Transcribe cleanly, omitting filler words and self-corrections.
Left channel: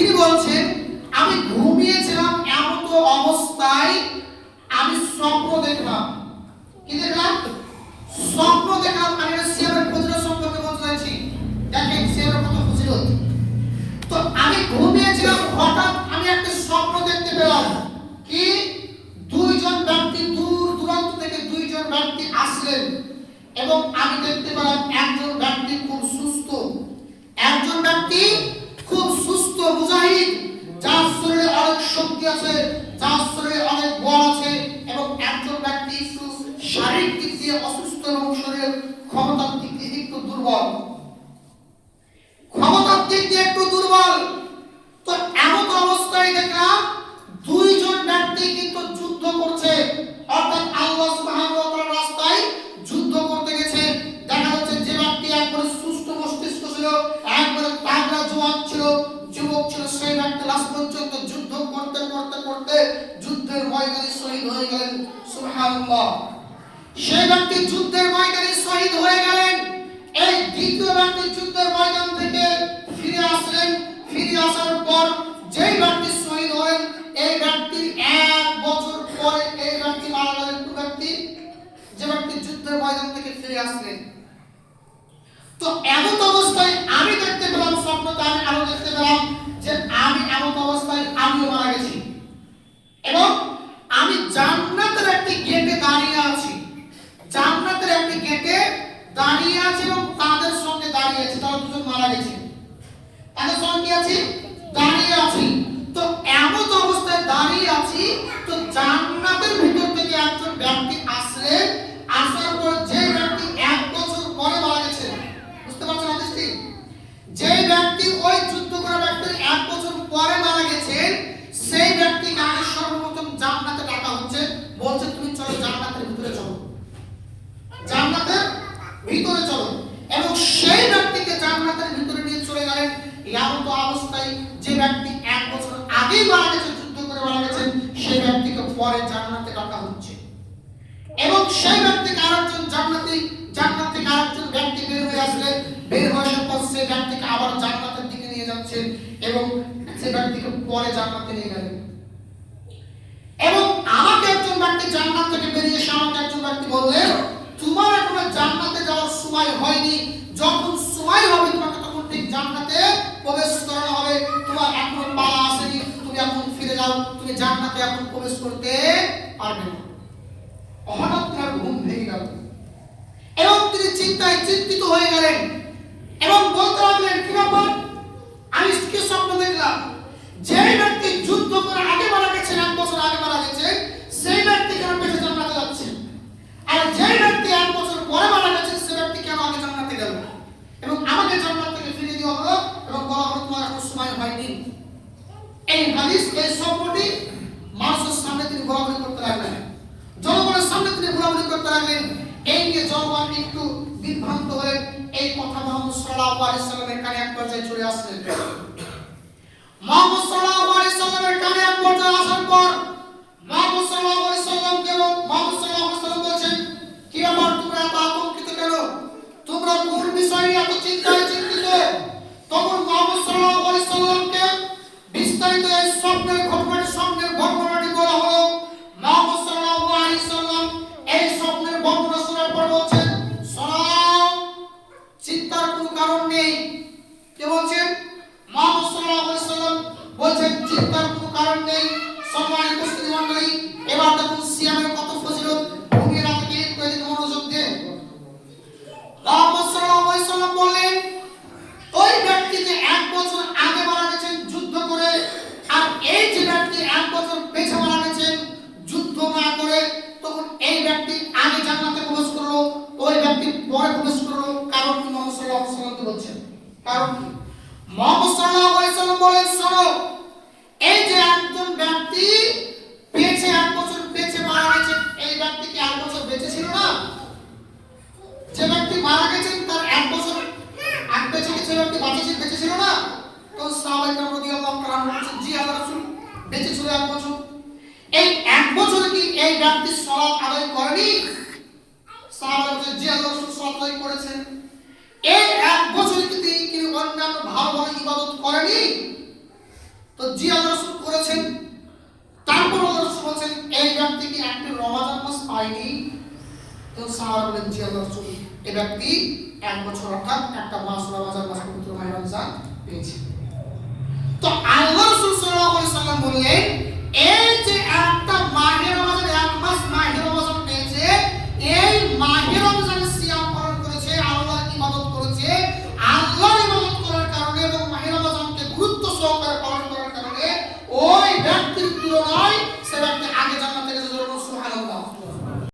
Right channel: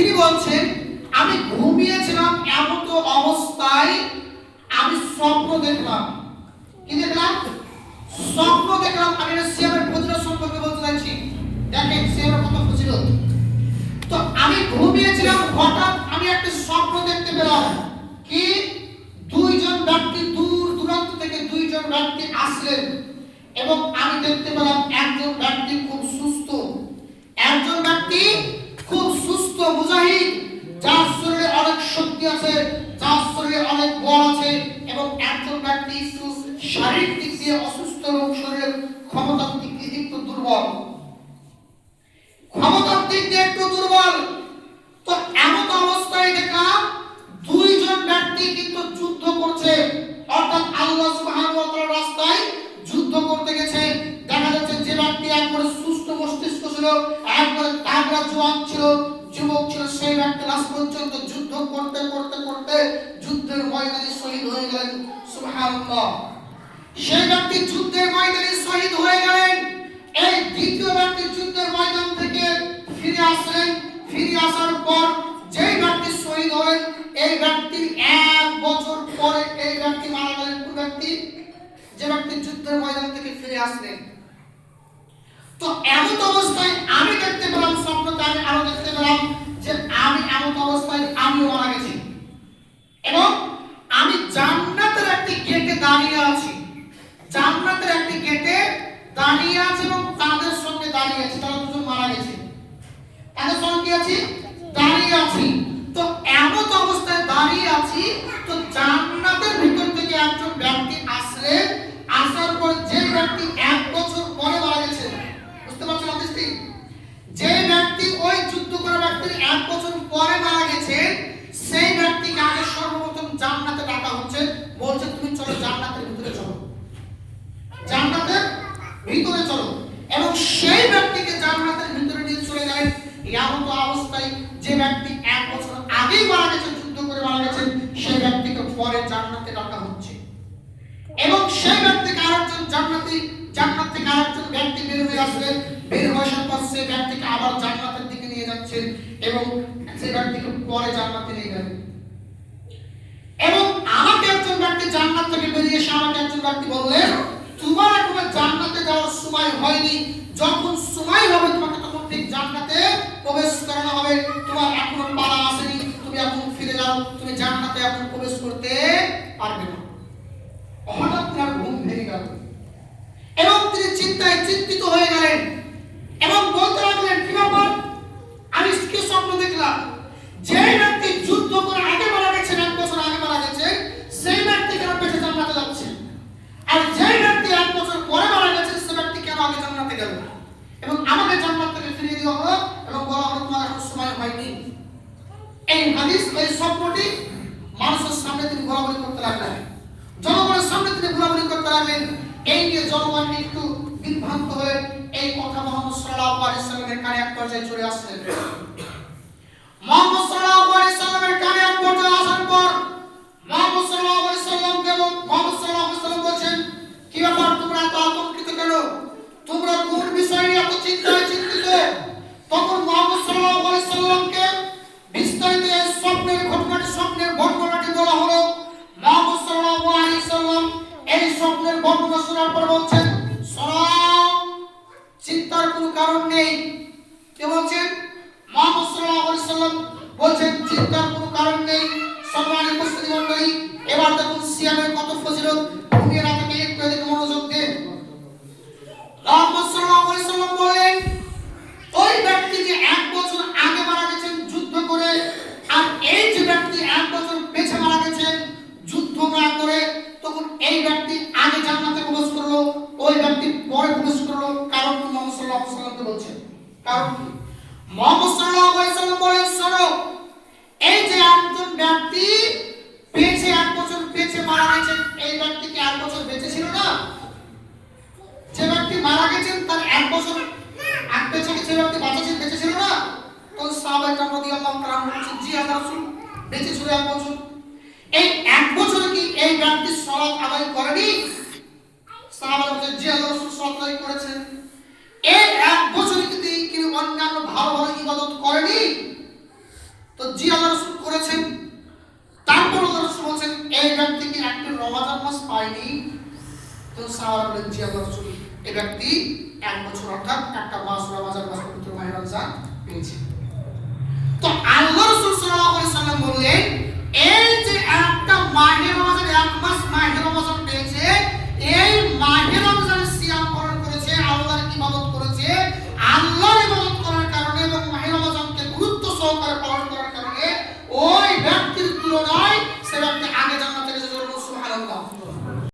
তিনি বলছেন আমি ঘুমিয়েছিলাম এমন তো অবস্থায় আমি স্বপ্ন দেখলাম। কি দেখলাম? স্বপ্ন দেখলাম। আমি সিয়ামের ফজিলত সম্পর্কে বলতে চাইছি। দেখেন সিয়ামের কত ফজিলত। তো আমি ঘুমিয়েছিলাম, হঠাৎ আমি একটা স্বপ্ন দেখতে পেলাম। কি? দুইজন ব্যক্তি দূর দূরান্ত থেকে দুইজন ব্যক্তি আসলেন এবং আমি দেখতে পেলাম একজন ব্যক্তি খুব সুস্থ, একজন ব্যক্তি খুব সুস্থ মুজাহিদ, যার শরীরে অনেক শক্তি আছে, যার শরীরে অনেক বল আছে, এবং একজন ব্যক্তি শারীরিক দিক দিয়ে অসুস্থ এবং শরীরের ক্ষমতার দিক দিয়ে একটু দুর্বল, ক্ষমতার দিক দিয়ে একটু দুর্বল। তো এমন অবস্থায় দেখলাম দুইজন ব্যক্তি কিন্তু যুদ্ধ করছে, অর্থাৎ আল্লাহ সুবহানাহু ওয়া তাআলার রাস্তায় যুদ্ধ করতে গেছে। দেখা যাচ্ছে যে ব্যক্তি একবারে সুস্থ মস্তিষ্ক ছিল, একবারে তাগড়া জওয়ান ছিল, যুবক ছিল, সেই ব্যক্তি লাস্ট পর্যন্ত যুদ্ধ করতে করতে করতে যুদ্ধের ময়দানে শহীদ হয়ে গেলেন। সুবহানাল্লাহ। সেই ব্যক্তি যুদ্ধের ময়দানে শহীদ হয়ে গেলেন। এই দ্বিতীয় ব্যক্তি যুদ্ধের ময়দান থেকে ফিরে আসলেন। ফিরে আসার পর যেই ব্যক্তি শহীদ হলেন, এই ব্যক্তির 1 বছর পরে এই ব্যক্তি মারা গেলেন। কোন ব্যক্তি? যে ব্যক্তি যুদ্ধের ময়দান থেকে ফিরে আসলেন। তো এমন অবস্থায় আমি দেখতে পেলাম, স্বপ্নতে আমি আরো দেখতে পেলাম যে আমি এমন অবস্থায় আমিও মারা গেছি এবং আমি জান্নাতের একটি গেটে দাঁড়িয়ে আছি। জান্নাতের একটি গেটে দাঁড়িয়ে আছি এবং তাদের সঙ্গে দাঁড়িয়ে আছি। তারা দুজন মারা গেছে, তাদের সঙ্গে আছি, দাঁড়িয়ে আছি। তো এমন অবস্থায় দাঁড়িয়ে আছি, তো জান্নাতের ভিতর থেকে একজন ব্যক্তি আসলেন। আসার পর যে ব্যক্তি 1 বছর পরে মারা গেছে, বুঝতে পারছেন হাদিসটি? যে ব্যক্তি ওই যুদ্ধ করা ব্যক্তির 1 বছর পরে মারা গেছে, সেই ব্যক্তিকে আগে সর্বপ্রথম জান্নাতে ডাকা হচ্ছে, বলছে তুমি চলো জান্নাতের ভিতরে চলো, জান্নাতের ভিতরে চলো। এবং সেই ব্যক্তিকে জান্নাতের ভিতরে নিয়ে চলে গেলেন। এমন অবস্থায় যে ব্যক্তি 1 বছর আগেই মারা গেছে, যুদ্ধ করে মারা গেছে, সেই ব্যক্তিকে পরে জান্নাতে ডাকা হচ্ছে। এবং সেই ব্যক্তিকে আরেকজন জান্নাত থেকে আরেকজন ব্যক্তি বের হয়ে আসলেন। বের হয়ে আসার পর সেই ব্যক্তিকে আবার জান্নাতের দিকে নিয়ে যাচ্ছেন এবং সেই ব্যক্তিকে পরে জান্নাতে নিয়ে গেলেন। এবং আমাকে একজন ব্যক্তি জান্নাত থেকে বেরিয়ে এসে আমাকে একজন ব্যক্তি বললেন, তোমার এখনো জান্নাতে যাওয়ার সময় হয়নি, যখন সময় হবে তোমাকে তখন ঠিক জান্নাতে প্রবেশ করানো হবে, তোমার এখনো পালা আসেনি, তুমি এখন ফিরে যাও, তুমি জান্নাতে এখন প্রবেশ করতে পারবে না। হঠাৎ তার ঘুম ভেঙে গেল এবং তিনি চিন্তায় চিন্তিত হয়ে গেলেন এবং বলতে লাগলেন, কি ব্যাপার? আমি কি স্বপ্ন দেখলাম? যে ব্যক্তি যুদ্ধ করে আগে মারা গেছে, 1 বছর আগে মারা গেছে, সেই ব্যক্তি কেন পেছে জান্নাতে যাচ্ছে? আর যে ব্যক্তি 1 বছর পরে মারা গেছে, সেই ব্যক্তি কেন আগে জান্নাতে গেল? এবং আমাকে জান্নাত থেকে ফিরিয়ে দেওয়া হলো এবং বলা হলো তোমার এখন সময় হয়নি। এই হাদিস, এই স্বপ্নটি মানুষের সামনে তিনি ঘোরাঘুরি করতে লাগলেন, জনগণের সামনে তিনি ঘোরাঘুরি করতে লাগলেন। এই নিয়ে জনগণ একটু বিভ্রান্ত হয়ে এই কথা মুহাম্মদ সাল্লাল্লাহু আলাইহি সাল্লামের কানে এক পর্যায়ে চলে আসলেন। মুহাম্মদ সাল্লাল্লাহু আলাইহি সাল্লামের কানে এক পর্যায়ে আসার পর মুহাম্মদ সাল্লাল্লাহু আলাইহি সাল্লামকে মুহাম্মদ সাল্লাল্লাহু আলাইহি সাল্লাম বলেন, কি ব্যাপার? তোমরা এত আতঙ্কিত কেন? তোমরা কোন বিষয় নিয়ে এত চিন্তিত? তখন মুহাম্মদ সাল্লাল্লাহু আলাইহি সাল্লামকে বিস্তারিত এই স্বপ্নের ঘটনাটি বলা হলো। মুহাম্মদ সাল্লাল্লাহু আলাইহি সাল্লাম এই স্বপ্নের বর্ণনা শোনার পর বলছেন, শোনাও, চিন্তার কোনো কারণ নেই। কে বলছেন? মুহাম্মদ সাল্লাল্লাহু আলাইহি সাল্লাম বলছেন চিন্তার কোনো কারণ নেই। সম্মানিত মুসলিম মণ্ডলী, এবার দেখুন সিয়ামের কত ফজিলত। ঘুমিয়ে না থেকে একটু এদিকে মনোযোগ দেন। মুহাম্মদ সাল্লাল্লাহু আলাইহি সাল্লাম বললেন, ওই ব্যক্তি যে 1 বছর আগে মারা গেছেন যুদ্ধ করে, আর এই যে ব্যক্তি 1 বছর পেছে মারা গেছেন যুদ্ধ না করে, তখন এই ব্যক্তি আগে জান্নাতে প্রবেশ করলো, ওই ব্যক্তি পরে প্রবেশ করলো। কারণ কি? মুহাম্মদ সাল্লাল্লাহু আলাইহি সাল্লাম বলছেন কারণ কি? মুহাম্মদ সাল্লাল্লাহু আলাইহি সাল্লাম বলেন, শোনো, এই যে একজন ব্যক্তি পেছে 1 বছর পেছে মারা গেছেন, এই ব্যক্তি কি 1 বছর বেঁচে ছিল না? যে ব্যক্তি মারা গেছেন তার 1 বছর আগে বেঁচে গেছে, ব্যক্তি বেঁচে ছিল না? তো সাহাবায়ে কেরাম রাদিয়াল্লাহু তাআলা বলেছেন, জি আল্লাহর রাসূল, বেঁচে ছিল 1 বছর। এই 1 বছরে কি এই ব্যক্তি সালাত আদায় করেনি? সাহাবায়ে বলেছেন, জি আল্লাহর রাসূল সালাত আদায় করেছেন। এই 1 বছরে কি তিনি অন্যান্য ভালো ভালো ইবাদত করেনি? তো জি আল্লাহ রাসূল করেছেন। তারপর আল্লাহ রাসূল বলেছেন এই ব্যক্তি কি একটা রমাদান মাস পায়নি? তো সাহাবা বলেন জি আল্লাহ রাসূল, এই ব্যক্তি এক বছর অর্থাৎ একটা মাস রমাদান মাস পবিত্র মাহে রমজান পেয়েছে। তো আল্লাহ রাসূল সাল্লাল্লাহু আলাইহি সাল্লাম বললেন